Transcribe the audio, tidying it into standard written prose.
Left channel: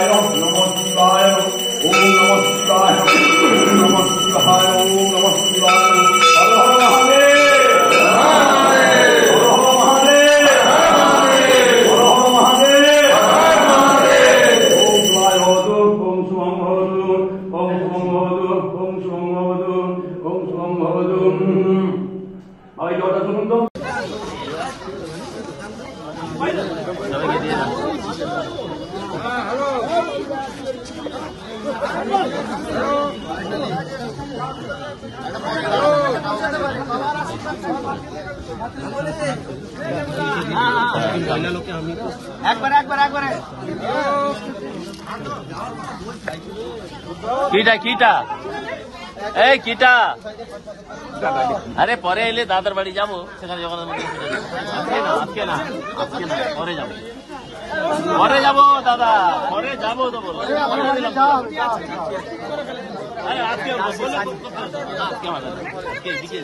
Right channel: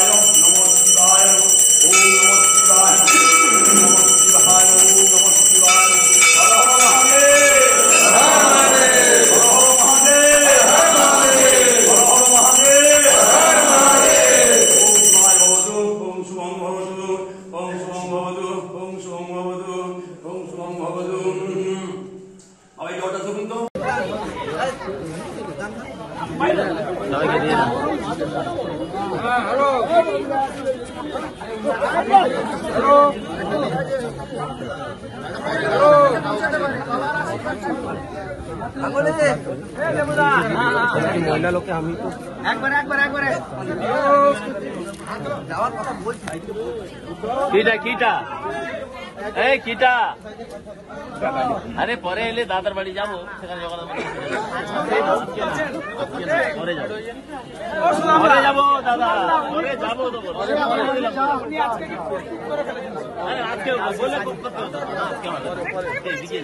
শিবায় নমঃ শিবায় ওম নমঃ শিবায় ওম নমঃ শিবায় ওম নমঃ শিবায় হর হর মহাদেব হর হর মহাদেব হর হর মহাদেব ওম শিবায় ভবতু ওম শুভং ভবতু ওম শুভং ভবতু ওম শুভং ভবতু ওম শুভং ভবতু। আবার এই কথা শুনুন তো। মহিলা লোকে আমি তো একবারে কিটা এই কিটা আরে পরে এলে দাদার বাড়ি যাবো সেখানে পরে যাবো দাদা পরে যাবো তো আরে আজকে বলে আজকে